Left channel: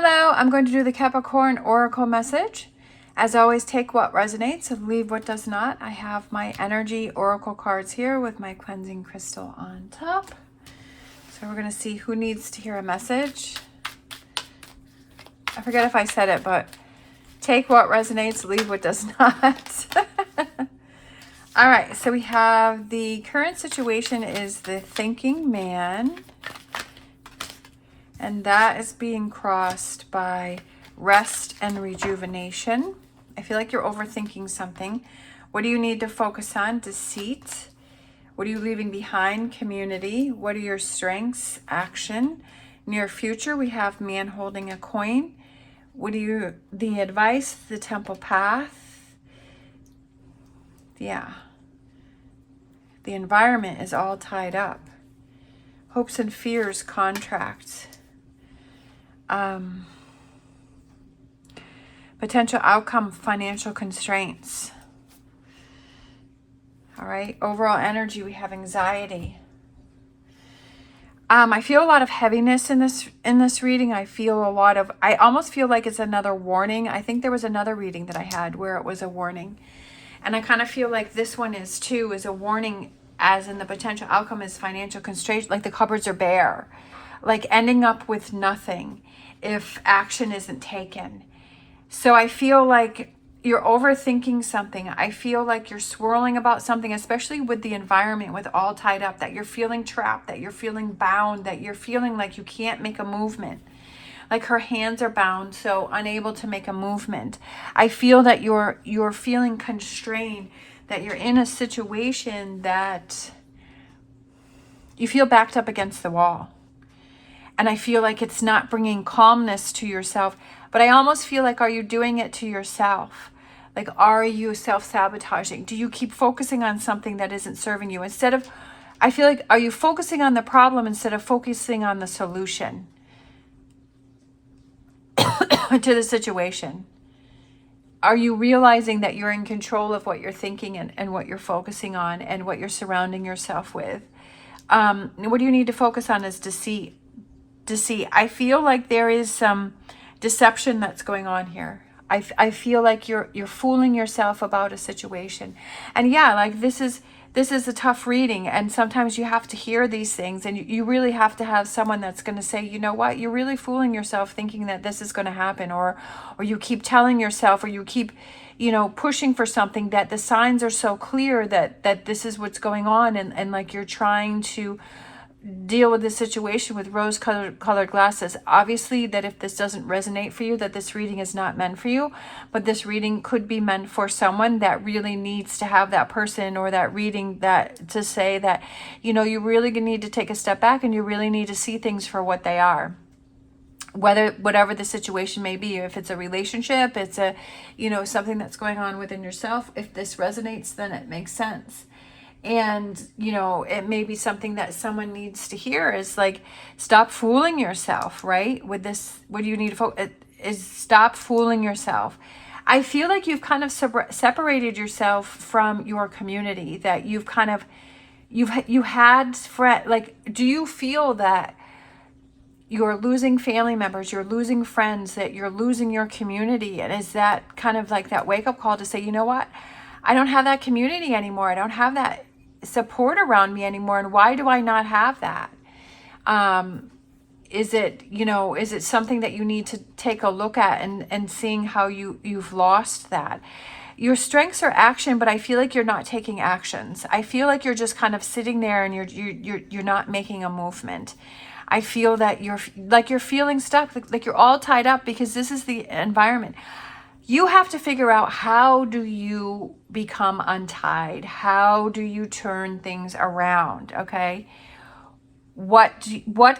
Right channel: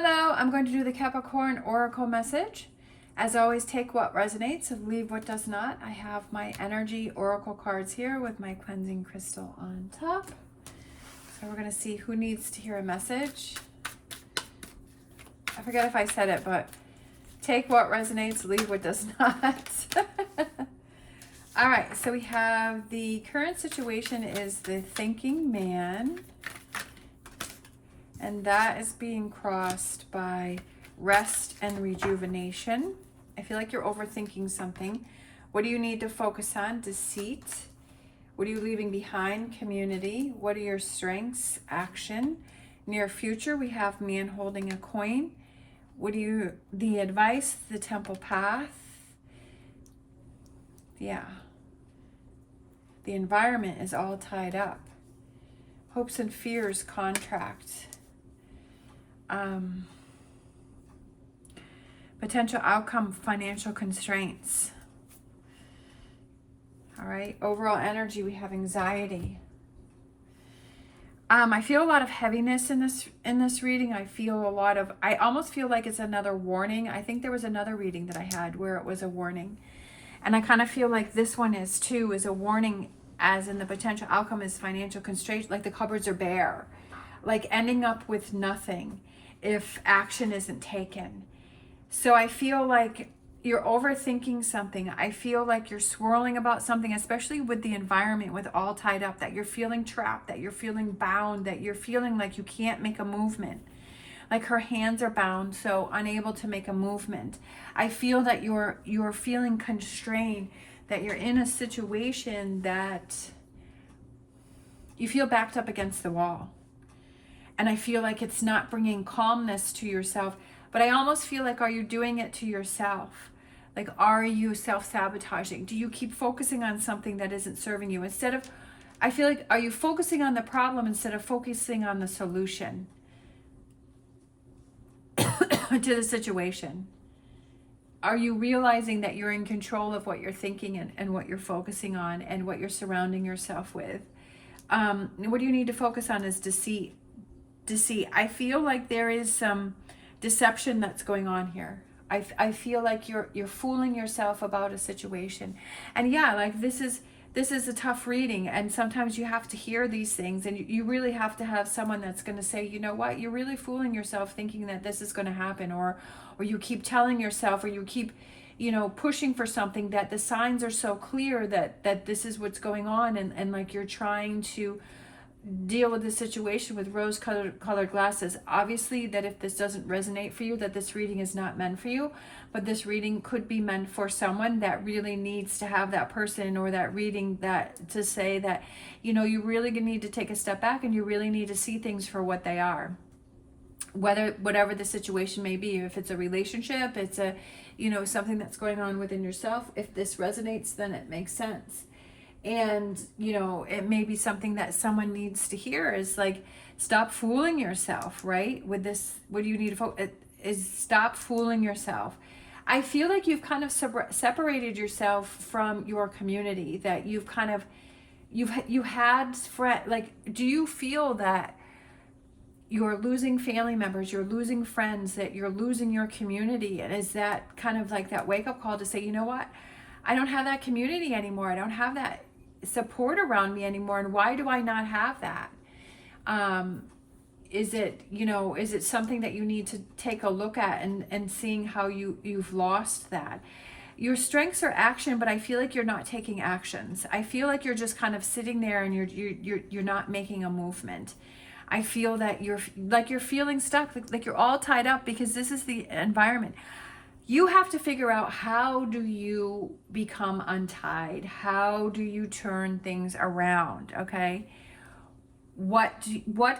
Hello, I'm going to do the Capricorn Oracle message. As always, take what resonates and leave what does not. I have my energy oracle cards here with my cleansing crystal on top. So we're going to see who needs to hear a message. I forget if I said it, but take what resonates, leave what does not. All right, so we have the current situation is the thinking man. And that is being crossed by rest and rejuvenation. I feel like you're overthinking something. What do you need to focus on? Deceit. What are you leaving behind? Community. What are your strengths? Action. Near future, we have man holding a coin. What do you, the advice, the temple path. Yeah. The environment is all tied up. Hopes and fears, contract. Potential outcome, financial constraints. All right, overall energy, we have anxiety. I feel a lot of heaviness in this reading. I almost feel like it's another warning. I think there was another reading that I had where it was a warning. And I kind of feel like this one is too, is a warning, as in the potential outcome is financial constraints, like the cupboards are bare, like ending up with nothing if action isn't taken. So I feel like you're overthinking something. I feel like you're swirling about something, especially with the environment, with all tied up, that you're feeling trapped, that you're feeling bound, that you're feeling like you can't make a movement. Like her hands are bound, so unable to make a movement. I feel that you're feeling constrained, that you're in a situation that you feel backed up against the wall. And I feel like it's not bringing calmness to yourself. But I almost feel like, are you doing it to yourself? Like, are you self-sabotaging? Do you keep focusing on something that isn't serving you? Instead of, I feel like, are you focusing on the problem instead of focusing on the solution to the situation? Are you realizing that you're in control of what you're thinking and what you're focusing on and what you're surrounding yourself with? What do you need to focus on is deceit. I feel like there is some deception that's going on here. I feel like you're fooling yourself about a situation. And yeah, like this is a tough reading, and sometimes you have to hear these things, and you really have to have someone that's going to say, you know what, you're really fooling yourself thinking that this is going to happen, or you keep telling yourself, or you keep pushing for something, that the signs are so clear that this is what's going on, and like you're trying to deal with the situation with rose-colored glasses. Obviously, that if this doesn't resonate for you, that this reading is not meant for you, but this reading could be meant for someone that really needs to have that person or that reading that to say that, you really need to take a step back and you really need to see things for what they are. Whatever the situation may be, if it's a relationship, it's a, something that's going on within yourself. If this resonates, then it makes sense. And, it may be something that someone needs to hear is like, stop fooling yourself, right? With this, what do you need to focus is stop fooling yourself. I feel like you've kind of separated yourself from your community, that you've kind of, you had like, do you feel that you're losing family members, you're losing friends, that you're losing your community? And is that kind of like that wake-up call to say, you know what? I don't have that community anymore. I don't have that support around me anymore. And why do I not have that? Is it something that you need to take a look at and seeing how you've lost that? Your strengths are action, but I feel like you're not taking actions. I feel like you're just kind of sitting there and you're not making a movement. I feel that you're feeling stuck, like you're all tied up, because this is the environment. You have to figure out, how do you become untied? How do you turn things around? Okay. What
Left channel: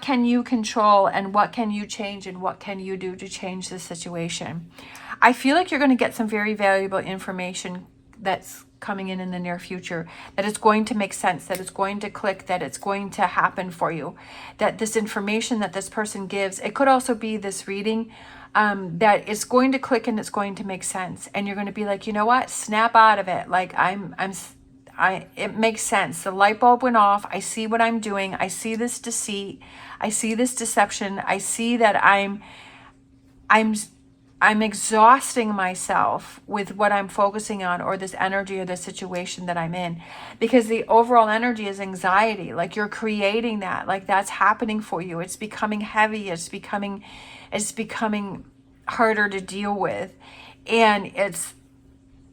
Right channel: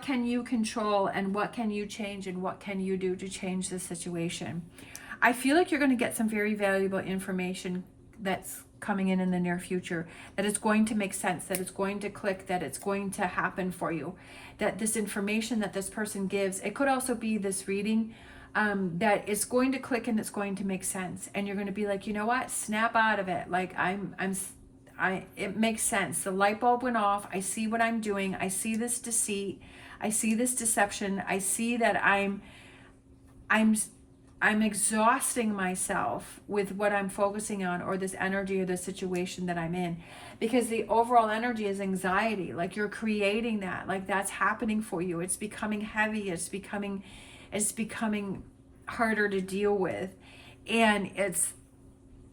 can you control, and what can you change, and what can you do to change the situation? I feel like you're going to get some very valuable information that's coming in the near future, that it's going to make sense, that it's going to click, that it's going to happen for you, that this information that this person gives, it could also be this reading, that it's going to click and it's going to make sense, and you're going to be like, you know what, snap out of it. Like it makes sense. The light bulb went off. I see what I'm doing. I see this deceit. I see this deception. I see that I'm I'm exhausting myself with what I'm focusing on, or this energy, or this situation that I'm in, because the overall energy is anxiety. Like, you're creating that, like that's happening for you. It's becoming heavy. It's becoming harder to deal with. And it's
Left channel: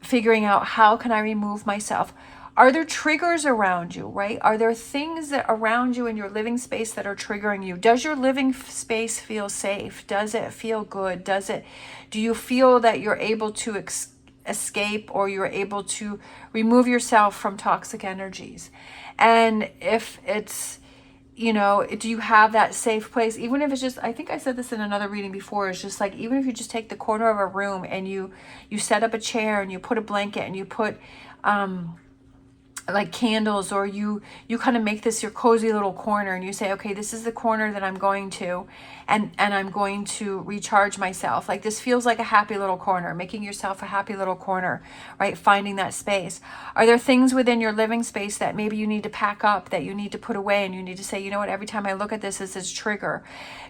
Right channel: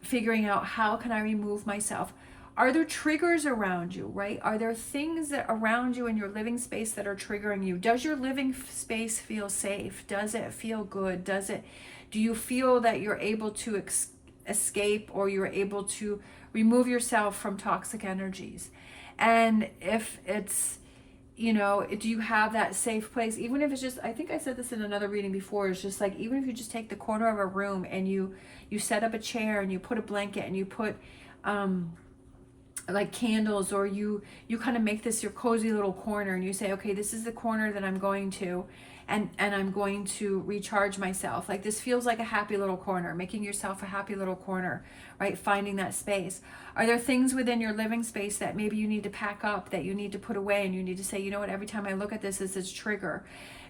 figuring out, how can I remove myself? Are there triggers around you, right? Are there things that around you in your living space that are triggering you? Does your living space feel safe? Does it feel good? Do you feel that you're able to escape, or you're able to remove yourself from toxic energies? And if it's, do you have that safe place? Even if it's just, I think I said this in another reading before, it's just like, even if you just take the corner of a room and you set up a chair and you put a blanket and you put like candles, or you kind of make this your cozy little corner, and you say, okay, this is the corner that I'm going to, and I'm going to recharge myself. Like, this feels like a happy little corner, making yourself a happy little corner, right? Finding that space. Are there things within your living space that maybe you need to pack up, that you need to put away, and you need to say, you know what, every time I look at this is trigger?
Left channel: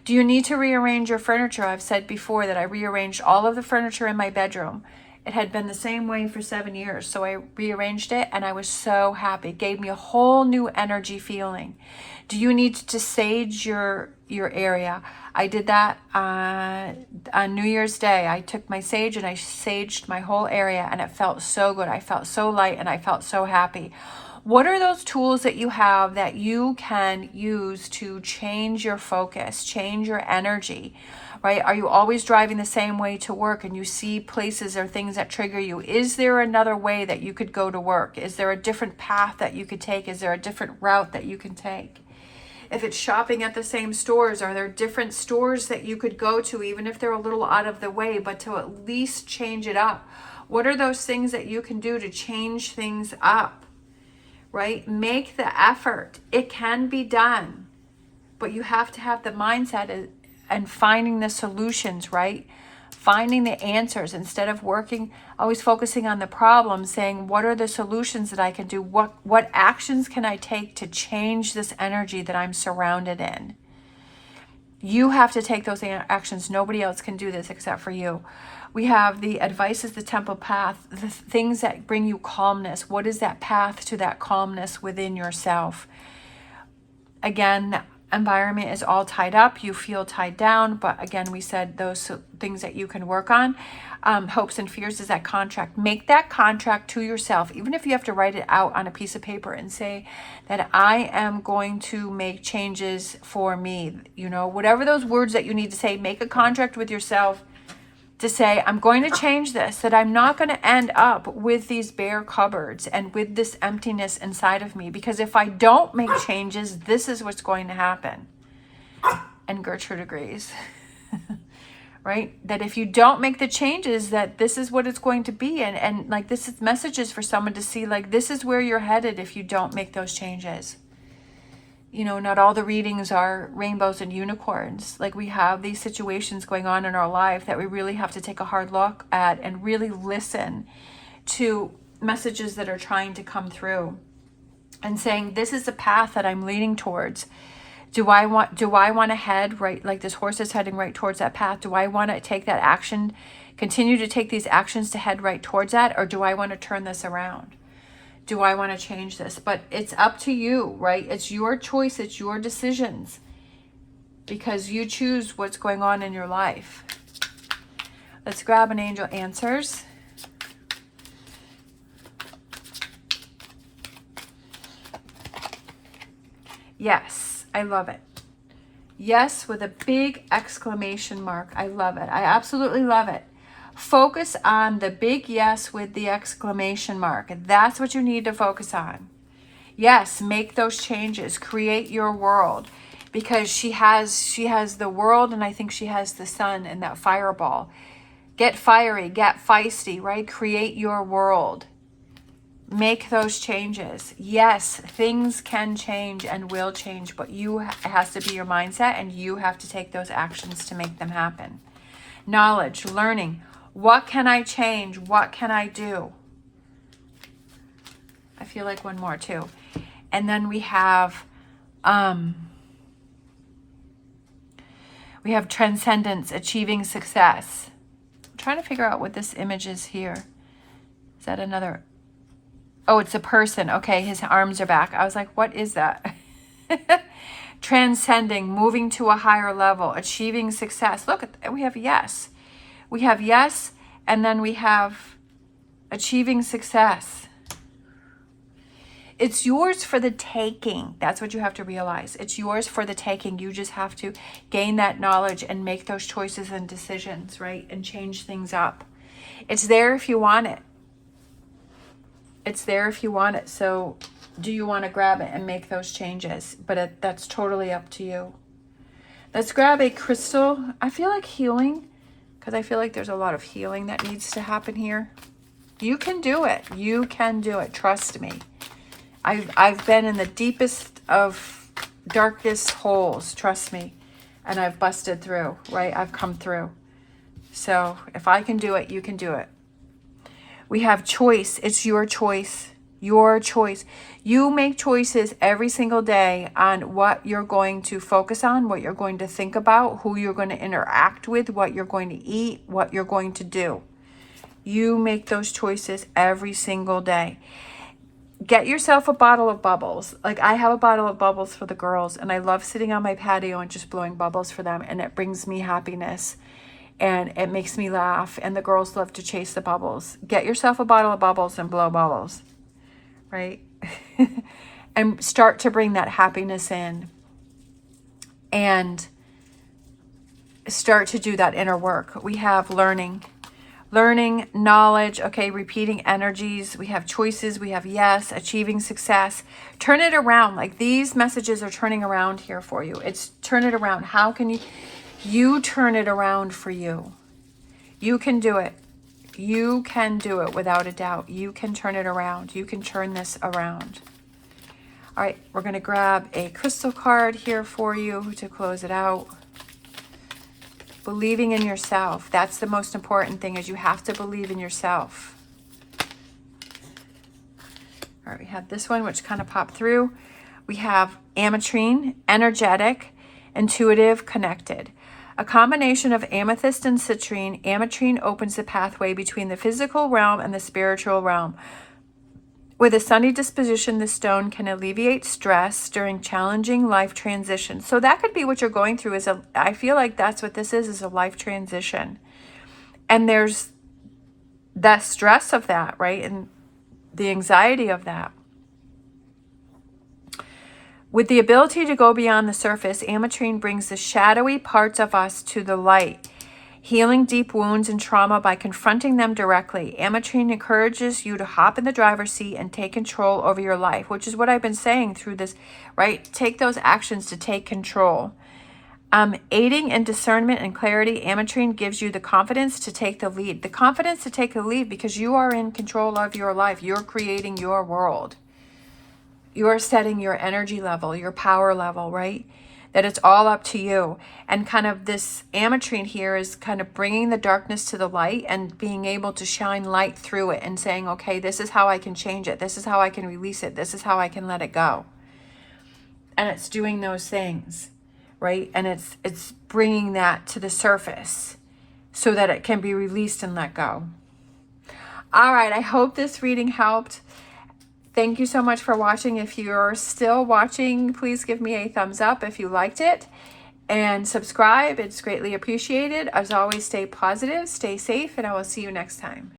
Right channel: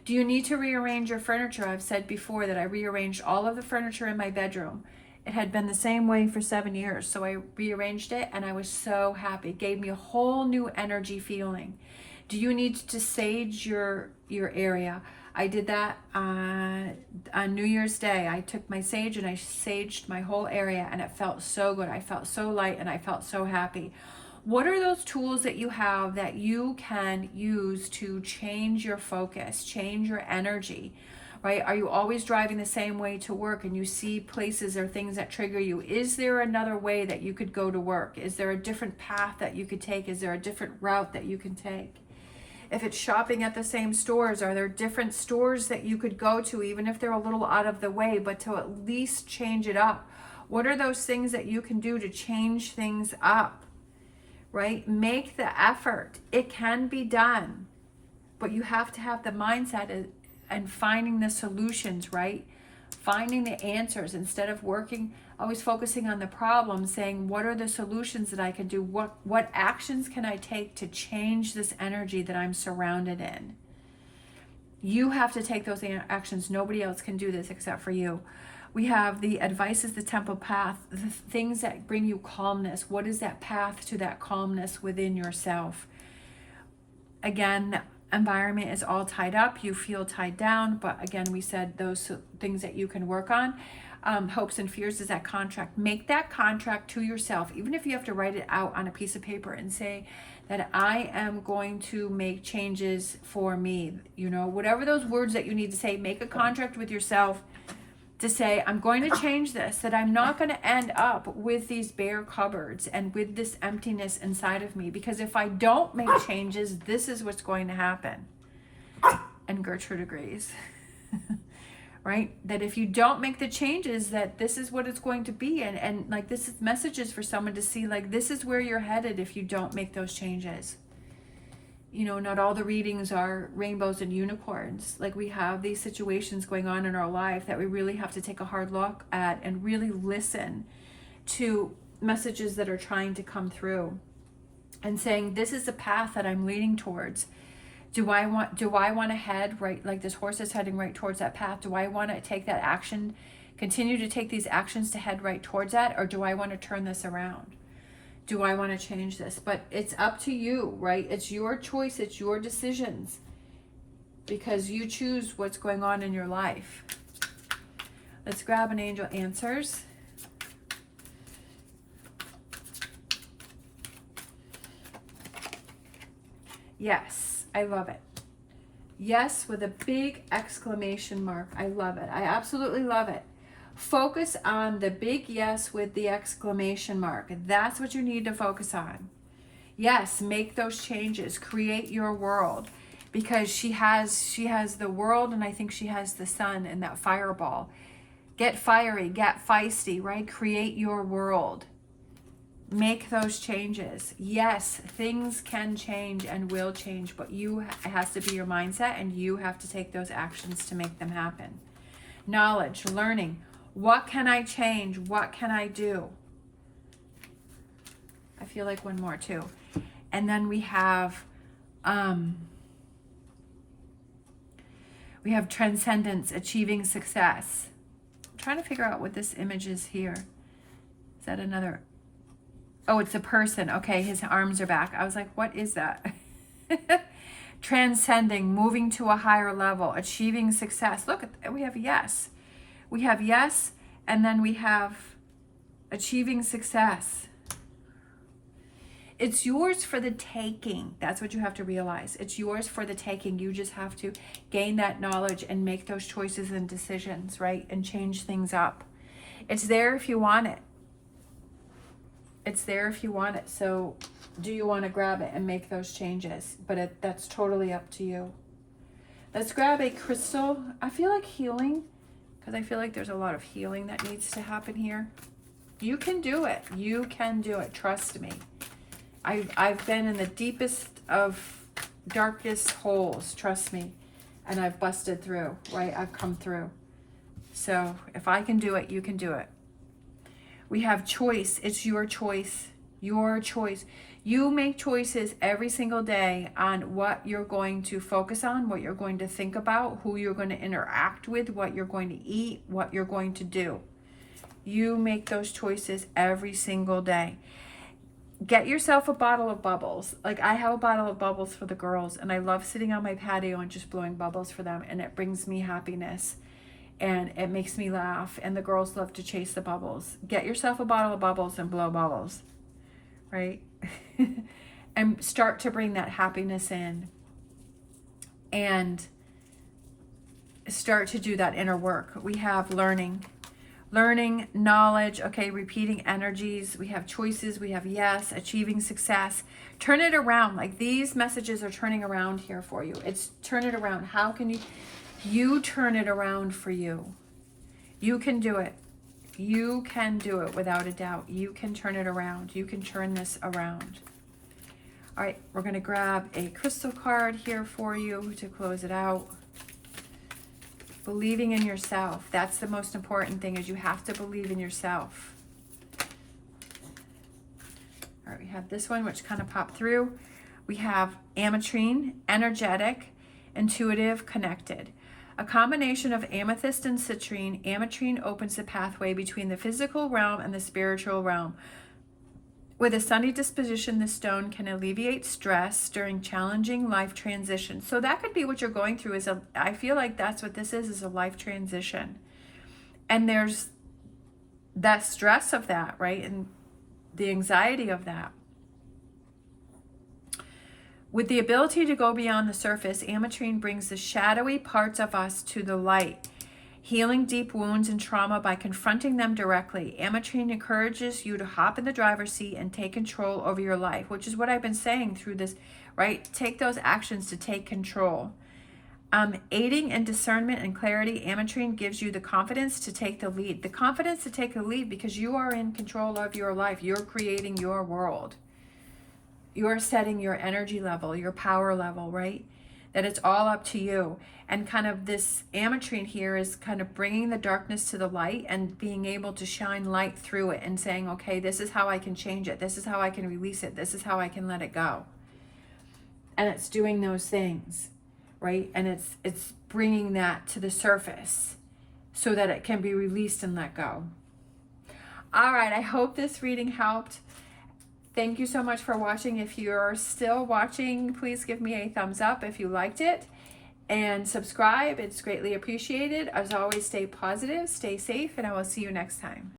Do you need to rearrange your furniture? I've said before that I rearranged all of the furniture in my bedroom. It had been the same way for 7 years. So I rearranged it, and I was so happy. It gave me a whole new energy feeling. Do you need to sage your area? I did that on New Year's Day. I took my sage and I saged my whole area, and it felt so good. I felt so light, and I felt so happy. What are those tools that you have that you can use to change your focus, change your energy? Right? Are you always driving the same way to work, and you see places or things that trigger you? Is there another way that you could go to work? Is there a different path that you could take? Is there a different route that you can take? If it's shopping at the same stores, are there different stores that you could go to, even if they're a little out of the way, but to at least change it up? What are those things that you can do to change things up? Right? Make the effort. It can be done, but you have to have the mindset and finding the solutions, right? Finding the answers instead of always focusing on the problem, saying, what are the solutions that I can do? What actions can I take to change this energy that I'm surrounded in? You have to take those actions. Nobody else can do this except for you. We have the advice is the temple path, the things that bring you calmness. What is that path to that calmness within yourself? Again, the environment is all tied up. You feel tied down. But again, we said those things that you can work on. Hopes and fears is that contract. Make that contract to yourself, even if you have to write it out on a piece of paper and say that I am going to make changes for me. Whatever those words that you need to say, make a contract with yourself to say, I'm going to change this, that I'm not going to end up with these bare cupboards and with this emptiness inside of me, because if I don't make changes, this is what's going to happen. And Gertrude agrees, right? That if you don't make the changes, that this is what it's going to be. And like, this is messages for someone to see, like, this is where you're headed if you don't make those changes. Not all the readings are rainbows and unicorns. Like, we have these situations going on in our life that we really have to take a hard look at and really listen to messages that are trying to come through and saying, this is the path that I'm leaning towards. Do I want to head right, like this horse is heading right towards that path? Do I want to take that action, continue to take these actions to head right towards that? Or do I want to turn this around? Do I want to change this? But it's up to you, right? It's your choice. It's your decisions, because you choose what's going on in your life. Let's grab an angel answers. Yes, I love it. Yes, with a big exclamation mark. I love it. I absolutely love it. Focus on the big yes with the exclamation mark. That's what you need to focus on. Yes, make those changes. Create your world, because she has the world, and I think she has the sun and that fireball. Get fiery, get feisty, right? Create your world. Make those changes. Yes, things can change and will change, but it has to be your mindset, and you have to take those actions to make them happen. Knowledge, learning. What can I change? What can I do? I feel like one more too. And then we have We have transcendence, achieving success. I'm trying to figure out what this image is here. Is that another? Oh, it's a person. Okay, his arms are back. I was like, what is that? Transcending, moving to a higher level, achieving success. Look, we have yes. We have yes, and then we have achieving success. It's yours for the taking. That's what you have to realize. It's yours for the taking. You just have to gain that knowledge and make those choices and decisions, right? And change things up. It's there if you want it. It's there if you want it. So do you want to grab it and make those changes? But that's totally up to you. Let's grab a crystal. I feel like healing, because I feel like there's a lot of healing that needs to happen here. You can do it. You can do it. Trust me. I've been in the deepest of darkest holes, trust me. And I've busted through, right? I've come through. So if I can do it, you can do it. We have choice. It's your choice. Your choice. You make choices every single day on what you're going to focus on, what you're going to think about, who you're going to interact with, what you're going to eat, what you're going to do. You make those choices every single day. Get yourself a bottle of bubbles. Like I have a bottle of bubbles for the girls, and I love sitting on my patio and just blowing bubbles for them, and it brings me happiness. And it makes me laugh, and the girls love to chase the bubbles. Get yourself a bottle of bubbles and blow bubbles, right? And start to bring that happiness in and start to do that inner work. We have learning, knowledge, okay, repeating energies. We have choices. We have yes, achieving success. Turn it around. Like these messages are turning around here for you. It's turn it around. How can you turn it around for you? You can do it. You can do it without a doubt. You can turn it around. You can turn this around. All right, we're going to grab a crystal card here for you to close it out. Believing in yourself. That's the most important thing, is you have to believe in yourself. All right, we have this one, which kind of popped through. We have ametrine, energetic, intuitive, connected. A combination of amethyst and citrine, ametrine opens the pathway between the physical realm and the spiritual realm. With a sunny disposition, the stone can alleviate stress during challenging life transitions. So that could be what you're going through. I feel like that's what this is a life transition. And there's that stress of that, right? And the anxiety of that. With the ability to go beyond the surface, ametrine brings the shadowy parts of us to the light, healing deep wounds and trauma by confronting them directly. Ametrine encourages you to hop in the driver's seat and take control over your life, which is what I've been saying through this, right? Take those actions to take control. Aiding in discernment and clarity, ametrine gives you the confidence to take the lead. The confidence to take the lead because you are in control of your life. You're creating your world. You're setting your energy level, your power level, right? That it's all up to you. And kind of this ametrine here is kind of bringing the darkness to the light and being able to shine light through it and saying, okay, this is how I can change it. This is how I can release it. This is how I can let it go. And it's doing those things, right? And it's bringing that to the surface so that it can be released and let go. All right, I hope this reading helped. Thank you so much for watching. If you're still watching, please give me a thumbs up if you liked it. And subscribe. It's greatly appreciated. As always, stay positive, stay safe, and I will see you next time.